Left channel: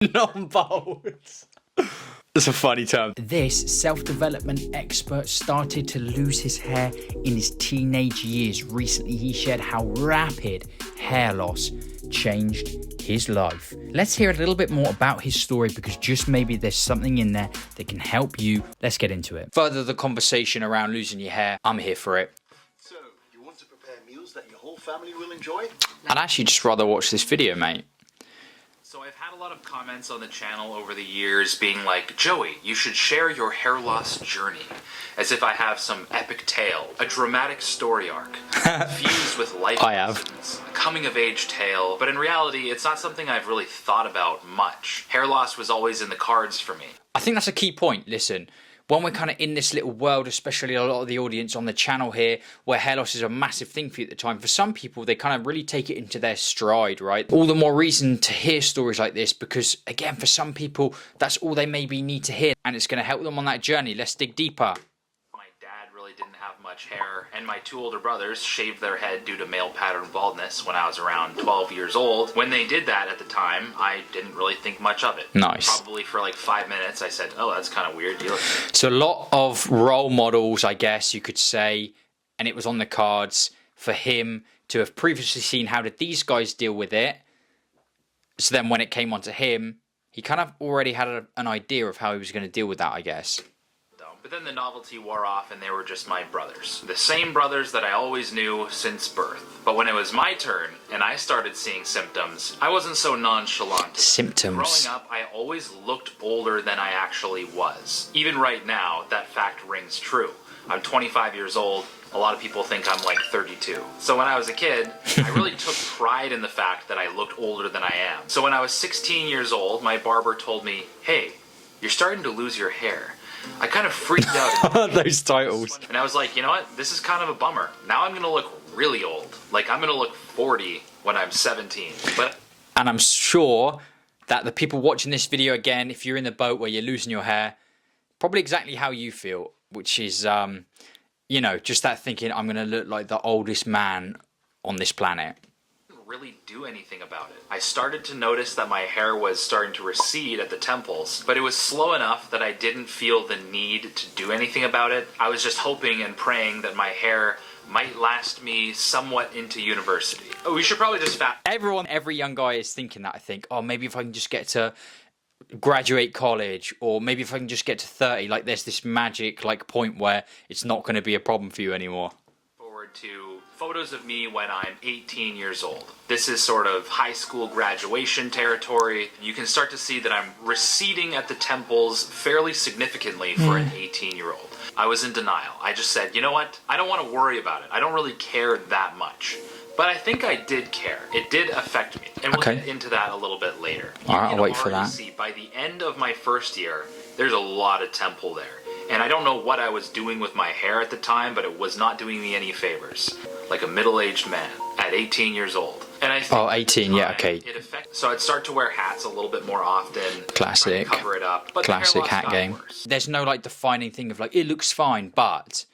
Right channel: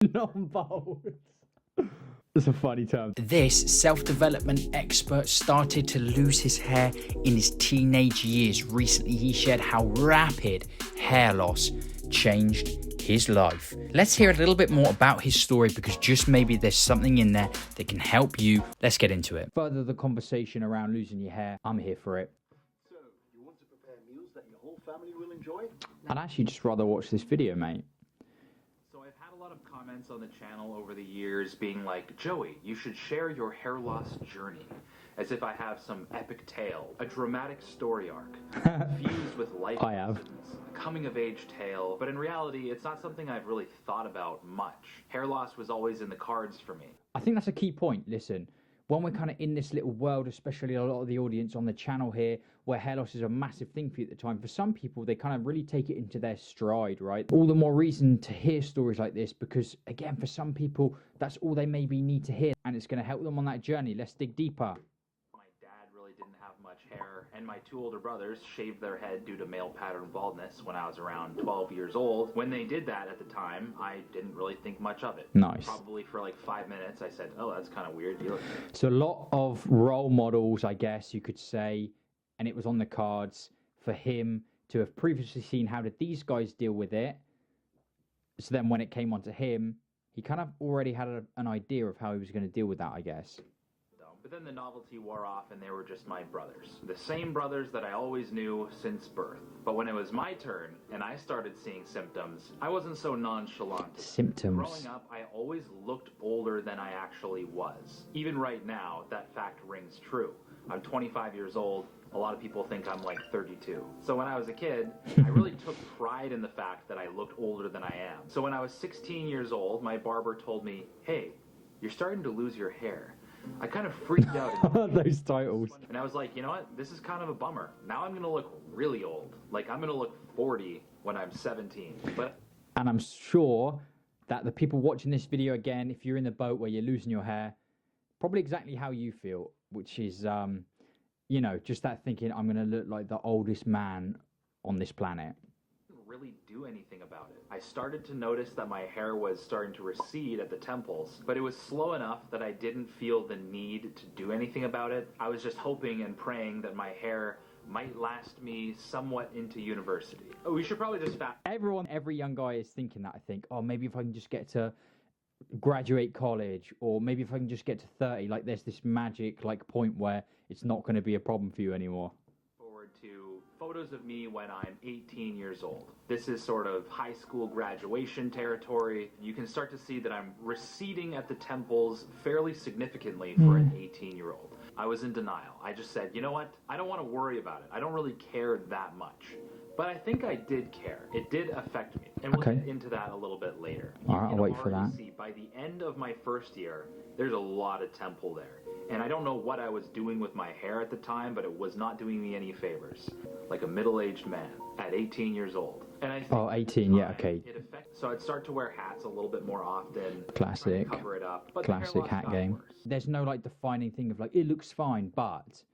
Non-bold. That's a funny term. This self-development expert started to lose his hair in his teenage years. Recently, he shared how rapid hair loss changed his life. Let's hear a little bit more about his story, because just maybe there's something in there that can help you. Let's get into it. Further the conversation around losing your hair, I'm here for it. So, you want to prepare meals that your whole family will enjoy? I'd actually just rather watch this video, mate. So I've had a lot of comments on the channel over the years being like, Joey, you should share your hair loss journey, as if I have some epic tale, a dramatic story arc, fused with life lessons, a coming-of-age tale. But in reality, it's not something I've really thought about much. Hair loss was always in the cards for me. I think that's a key point. Listen, when we're kind of in this little world, especially a lot of the audience on the channel here, where hair loss is a massive thing for you at the time, for some people, they kind of really take it into their stride, right? All the more reason to hear stories like this, because again, for some people, that's all they maybe need to hear, and it's going to help them on that journey. Let's dig deeper. My dad really didn't have much hair, and my two older brothers shaved their head due to male pattern baldness when I was around 12 years old. When they did that at the time, I didn't really think much of it. Nice. Probably for like 5 minutes, I said, oh, that's kind of weird. So a lot of role models, I guess you could say, and it was on the cards for him to have previously seen how did these guys deal with it. So then when it came onto him, he kind of already had an idea of how he was going to deal with that, I guess. But then the novelty wore off and they were just my brothers. The same brothers that I always knew since birth. But when it was my turn and I started seeing symptoms, I wasn't so nonchalant. Symptoms. Growing up, I always looked older than I actually was. Even right now, that fact rings true. I'm 25 years old. A lot of people think I'm like 32. So when I was a kid, I really took pride in the fact that I looked older than I am. So when I was 16 years old, my barber told me, hey, you're starting to lose your hair. I kind of freaked out. Those titles. And I was like, you know what? This is kind of a bummer. Now I'm going to look really old. Like, I'm going to look 40 when I'm 17. And I'm sure that the people watching this video, again, if you're in the boat where you're losing your hair, probably exactly how you feel, which is, you know, just that thinking, I'm going to look like the oldest man on this planet. Really do anything about it. I started to notice that my hair was starting to recede at the temples, but it was slow enough that I didn't feel the need to do anything about it. I was just hoping and praying that my hair might last me somewhat into university. Oh, we should probably just Every young guy is thinking that, I think. Oh, maybe if I can just get to graduate college, or maybe if I can just get to 30, like there's this magic like point where it's not going to be a problem for you anymore. Forward to photos of me when I'm 18 years old. This is sort of high school graduation territory. You can start to see that I'm receding at the temples fairly significantly for an 18-year-old. I was in denial. I just said, you know what? I don't want to worry about it. I don't really care that much. But I think I did care. It did affect me. And we'll get into that a little bit later. All right, I'll wait for that. See, by the end of my first year, there's a lot of temple there. And I don't know what I was doing with my hair at the time, but it was not doing me any favors. Like a middle-aged man at 18 years old. And I think 18, yeah, okay. So I'd start to wear hats a little bit more often. Classic. Cover it up. But classic hat game. Worse. There's no like defining thing of like, it looks fine, but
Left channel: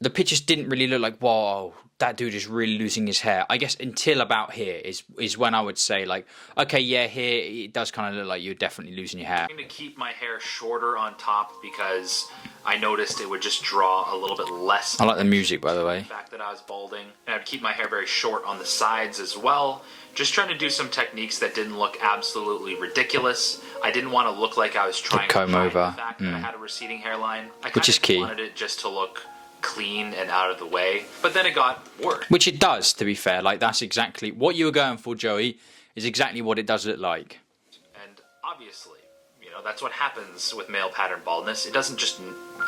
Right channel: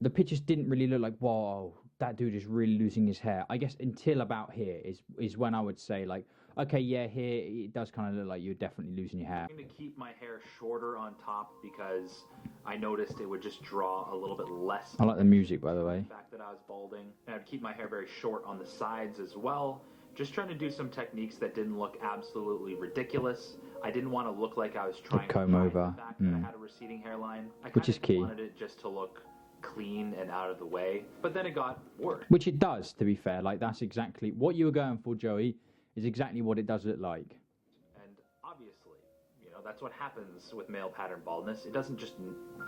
the pictures didn't really look like, whoa, that dude is really losing his hair. I guess until about here is when I would say like, okay, yeah, here it does kind of look like you're definitely losing your hair. I'm going to keep my hair shorter on top because I noticed it would just draw a little bit less. I like the music, by the way. The fact that I was balding. And I'd keep my hair very short on the sides as well. Just trying to do some techniques that didn't look absolutely ridiculous. I didn't want to look like I was trying to comb hide over. the fact that I had a receding hairline. I Which is key. wanted it just to look clean and out of the way, but then it got worse. Which it does, to be fair. Like, that's exactly what you were going for, Joey, is exactly what it does look like. And obviously, you know, that's what happens with male pattern baldness. It doesn't just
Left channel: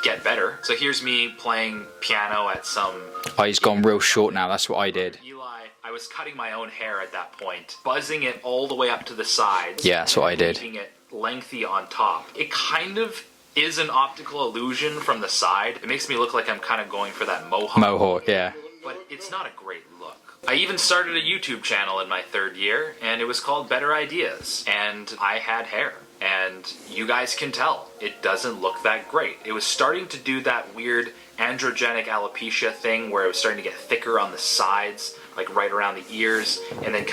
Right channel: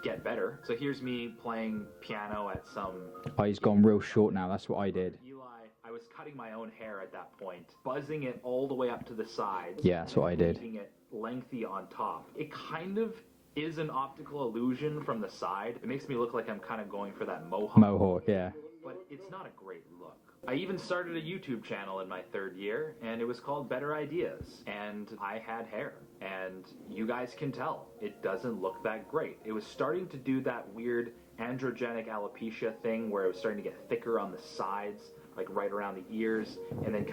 get better. So here's me playing piano at some... Oh, he's gone real short now. That's what I did. Eli, I was cutting my own hair at that point, buzzing it all the way up to the sides. Yeah, that's what I did. Keeping it lengthy on top. It kind of is an optical illusion from the side. It makes me look like I'm kind of going for that mohawk. Mohawk, yeah. But it's not a great look. I even started a YouTube channel in my third year, and it was called Better Ideas. And I had hair. And you guys can tell, it doesn't look that great. It was starting to do that weird androgenic alopecia thing where it was starting to get thicker on the sides, like right around the ears, and then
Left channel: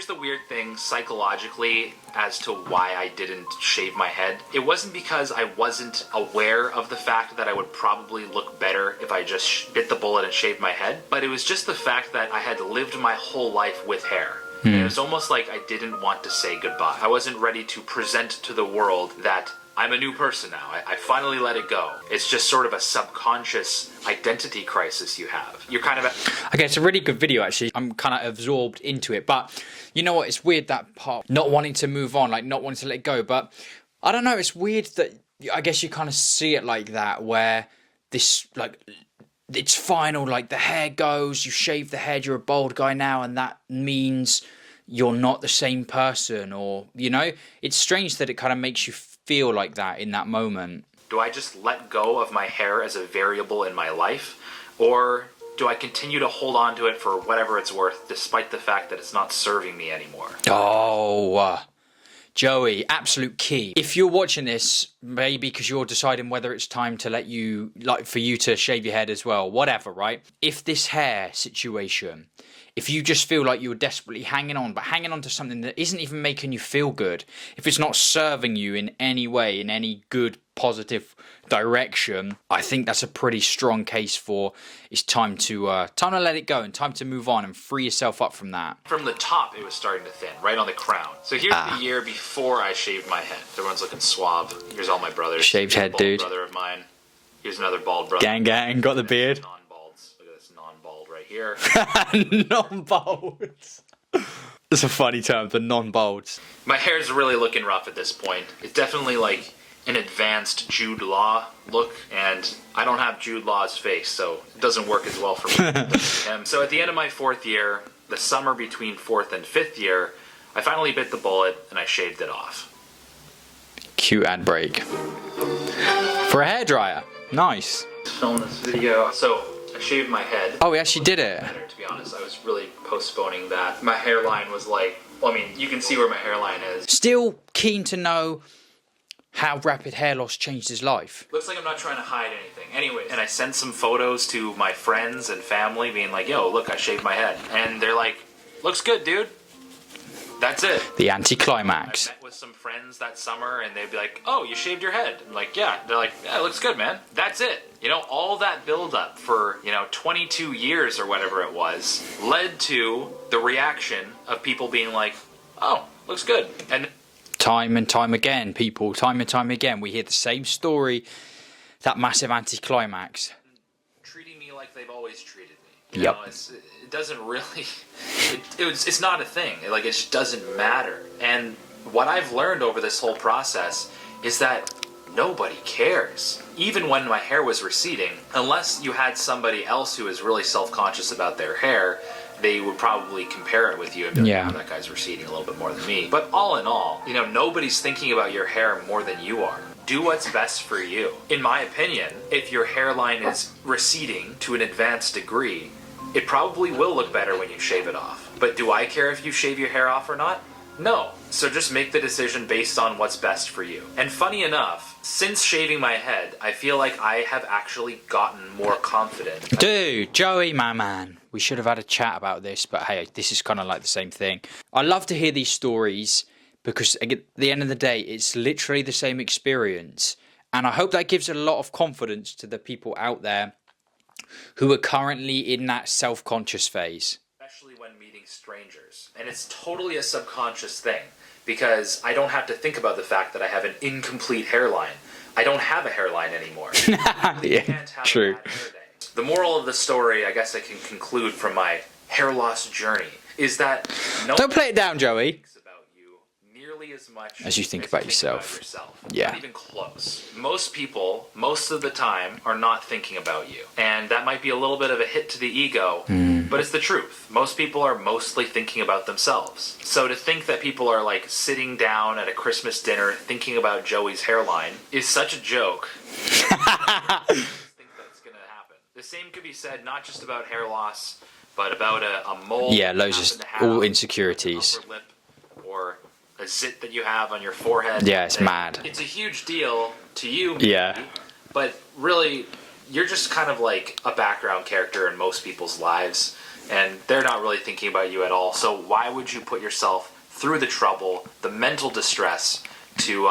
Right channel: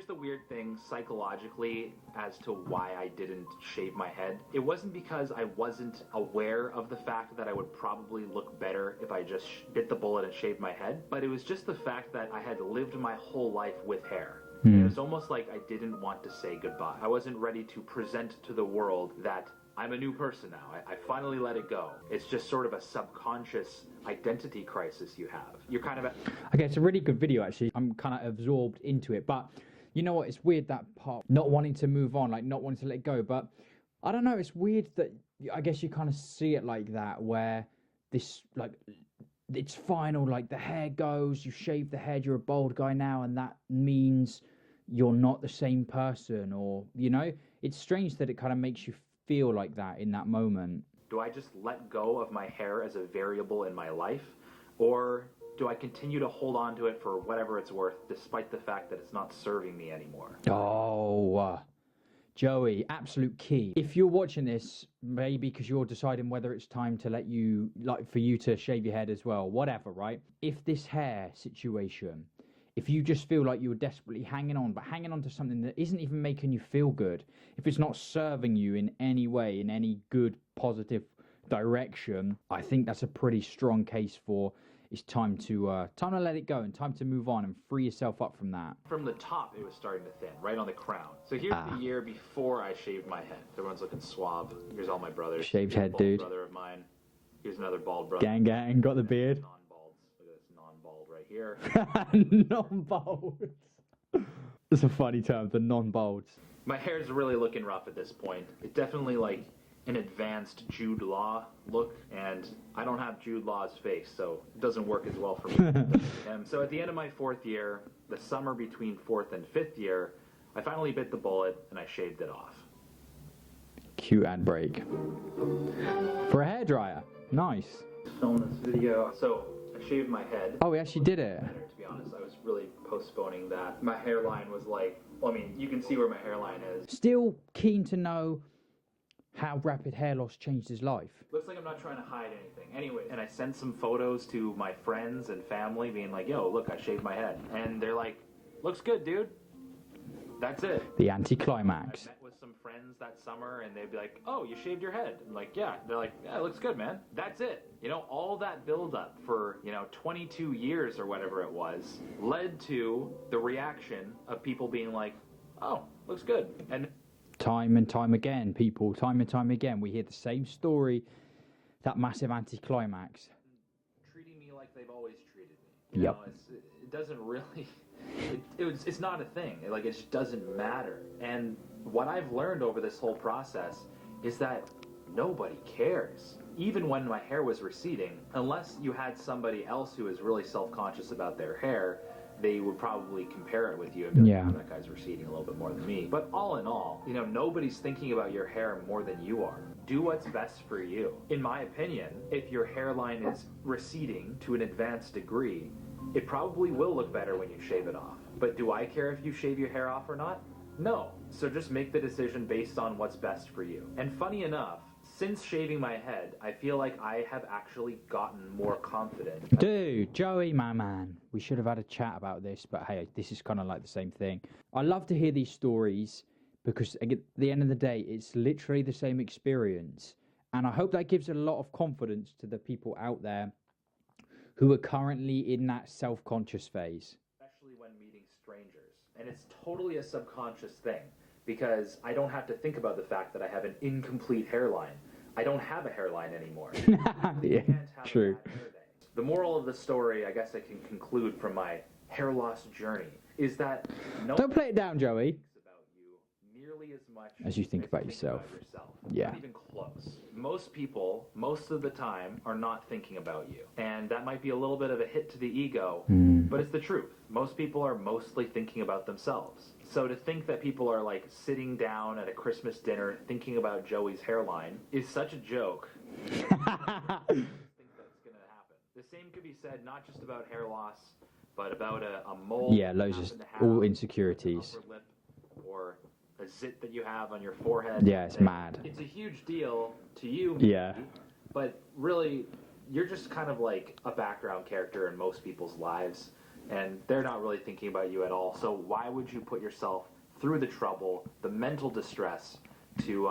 here's the weird thing psychologically as to why I didn't shave my head. It wasn't because I wasn't aware of the fact that I would probably look better if I just bit the bullet and shaved my head, but it was just the fact that I had lived my whole life with hair. And it was almost like I didn't want to say goodbye. I wasn't ready to present to the world that I'm a new person now. I finally let it go. It's just sort of a subconscious identity crisis you have. You're kind of... Okay, it's a really good video, actually. I'm kind of absorbed into it. But you know what? It's weird, that part. Not wanting to move on, like not wanting to let it go. But I don't know. It's weird that I guess you kind of see it like that, where this, like, it's final. Like, the hair goes, you shave the head, you're a bald guy now. And that means you're not the same person. Or, you know, it's strange that it kind of makes you feel like that in that moment. Do I just let go of my hair as a variable in my life? Or do I continue to hold on to it for whatever it's worth, despite the fact that it's not serving me anymore? Oh, Joey, absolute key. If you're watching this, maybe because you're deciding whether it's time to let you, like, for you to shave your head as well, whatever, right? If this hair situation, if you just feel like you're desperately hanging on, but hanging on to something that isn't even making you feel good, if it's not serving you in any way, in any good, positive direction, I think that's a pretty strong case for it's time to let it go and time to move on and free yourself up from that. From the top, it was starting to thin, right on the crown. So here's the year before I shaved my head. Everyone's looking suave. Here's all my brothers. Shaved head, bald dude. Brother of mine. Here's another bald brother. Gang, got the beard. Non-balds. Look at this non-bald right here. Non-bolds. That's a funny term, the non-bolds. My hair's really looking rough at this point. It's definitely like an advanced Jude Law look, and I don't have Jude Law's face, so it doesn't work as well for me. So at the end of my 4th year, the summer between 4th and 5th year, I finally bit the bullet and I shaved it off. Cute ad break. For a hairdryer. Nice. Film this video. So I shaved my head. Oh, we actually did it. To be honest, I was really postponing that. My hairline was like, well, I mean, you can see where my hairline is. Still keen to know how rapid hair loss changed his life. Looks like I'm not trying to hide anything. Anyway, and I sent some photos to my friends and family being like, yo, look, I shaved my head. And they're like, looks good, dude. That's it. The anticlimax. I met with some friends that summer and they'd be like, oh, you shaved your head. I'm like, yeah. They're like, yeah, it looks good, man. That's it. You know, all that build up for, 22 years or whatever it was led to the reaction of people being like, oh, looks good. And time and time again, people, time and time again, we hear the same story, that massive anticlimax. Treating me like they've always treated me. Yep. It doesn't really, it's not a thing. Like, it just doesn't matter. And what I've learned over this whole process is that nobody cares. Even when my hair was receding, unless you had somebody else who is really self-conscious about their hair, they would probably compare it with you and be like, oh, that guy's receding a little bit more than me. But all in all, nobody's thinking about your hair more than you are. Do what's best for you. In my opinion, if your hairline is receding to an advanced degree, it probably will look better when you shave it off. But do I care if you shave your hair off or not? No. So just make the decision based on what's best for you. And funny enough, since shaving my head, I feel like I have actually gotten more confident. Dude, Joey, my man, we should have had a chat about this, but hey, this is kind of like the same thing. I love to hear these stories because at the end of the day, it's literally the same experience. And I hope that gives a lot of confidence to the people out there who are currently in that self-conscious phase. Especially when meeting strangers. And it's totally a subconscious thing because I don't have to think about the fact that I have an incomplete hairline. I don't have a hairline anymore. Yeah, true. The moral of the story, I guess I can conclude from my hair loss journey, is that don't play it down, Joey. Thinks about you nearly as much as you think about yourself. Yeah. Not even close. Most people, most of the time, are not thinking about you. And that might be a little bit of a hit to the ego, but it's the truth. Most people are mostly thinking about themselves. So to think that people are like sitting down at a Christmas dinner thinking about Joey's hairline is such a joke. I think that's going to happen. The same could be said not just about hair loss, but about a mole. Yeah, loads of all insecurities. Upper lip, or a zit that you have on your forehead. Yeah, it's mad. It's a huge deal to you, maybe, yeah. But really, you're just kind of like a background character in most people's lives. and they're not really thinking about you at all. So why would you put yourself through the trouble, the mental distress, to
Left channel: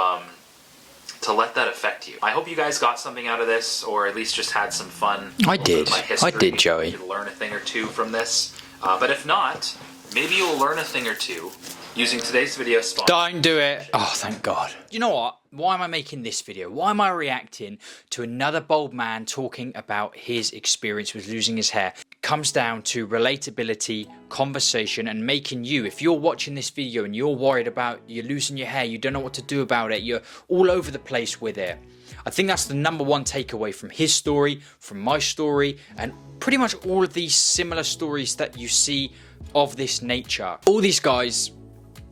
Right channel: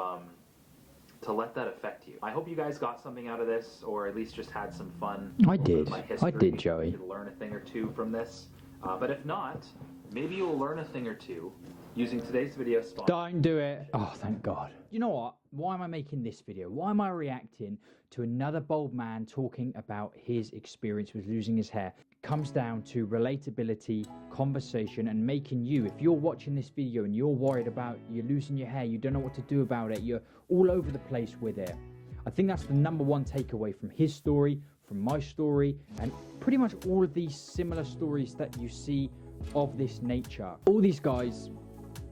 let that affect you? I hope you guys got something out of this, or at least just had some fun. I did. I did, Joey. You could learn a thing or two from this. But if not, maybe you'll learn a thing or two using today's video sponsor. Don't do it. Oh, thank God. You know what? Why am I making this video? Why am I reacting to another bald man talking about his experience with losing his hair? It comes down to relatability, conversation, and making you, if you're watching this video and you're worried about you losing your hair, you don't know what to do about it, you're all over the place with it. I think that's the number one takeaway from his story, from my story, and pretty much all of these similar stories that you see of this nature. All these guys,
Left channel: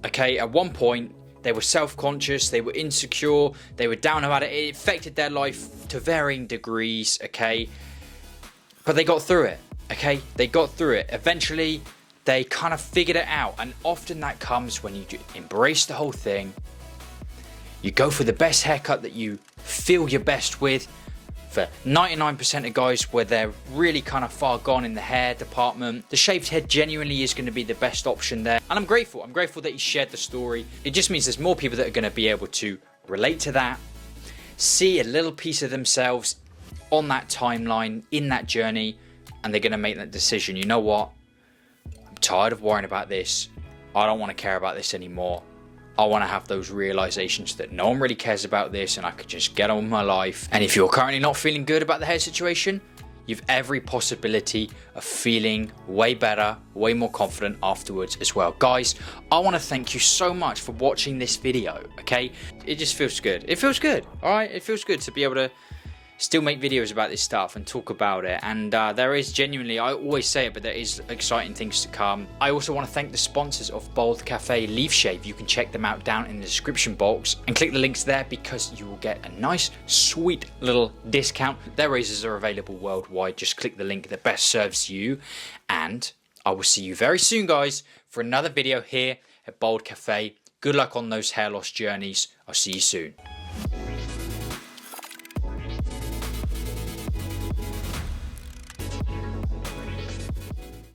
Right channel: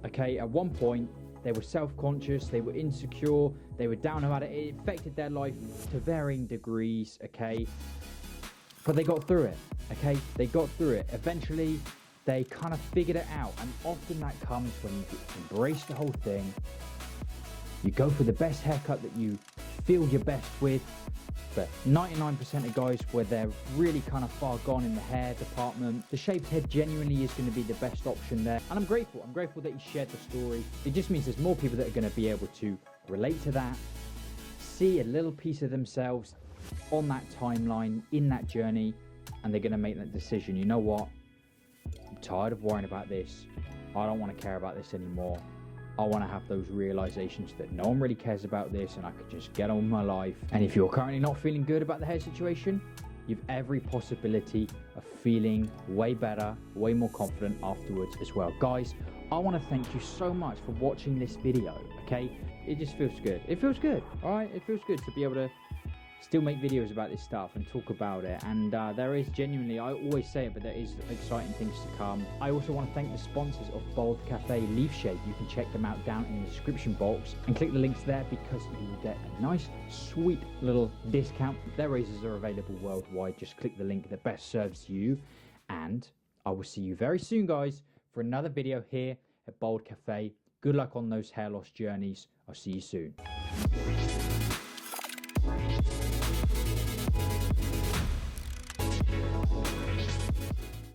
okay, at one point, they were self-conscious, they were insecure, they were down about it. It affected their life to varying degrees, okay? But they got through it, okay? They got through it. Eventually, they kind of figured it out. And often that comes when you embrace the whole thing. You go for the best haircut that you feel you're best with. For 99% of guys where they're really kind of far gone in the hair department, the shaved head genuinely is going to be the best option there. And I'm grateful that he shared the story. It just means there's more people that are going to be able to relate to that, see a little piece of themselves on that timeline, in that journey, and they're going to make that decision. You know what? I'm tired of worrying about this. I don't want to care about this anymore. I want to have those realizations that no one really cares about this and I could just get on with my life. And if you're currently not feeling good about the hair situation, you've every possibility of feeling way better, way more confident afterwards as well. Guys, I want to thank you so much for watching this video, okay? It just feels good. It feels good, all right? It feels good to be able to still make videos about this stuff and talk about it. And there is genuinely, I always say it, but there is exciting things to come. I also want to thank the sponsors of Bald Cafe Leaf Shave. You can check them out down in the description box and click the links there because you will get a nice, sweet little discount. Their razors are available worldwide. Just click the link that best serves you. And I will see you very soon, guys, for another video here at Bald Cafe. Good luck on those hair loss journeys. I'll see you soon.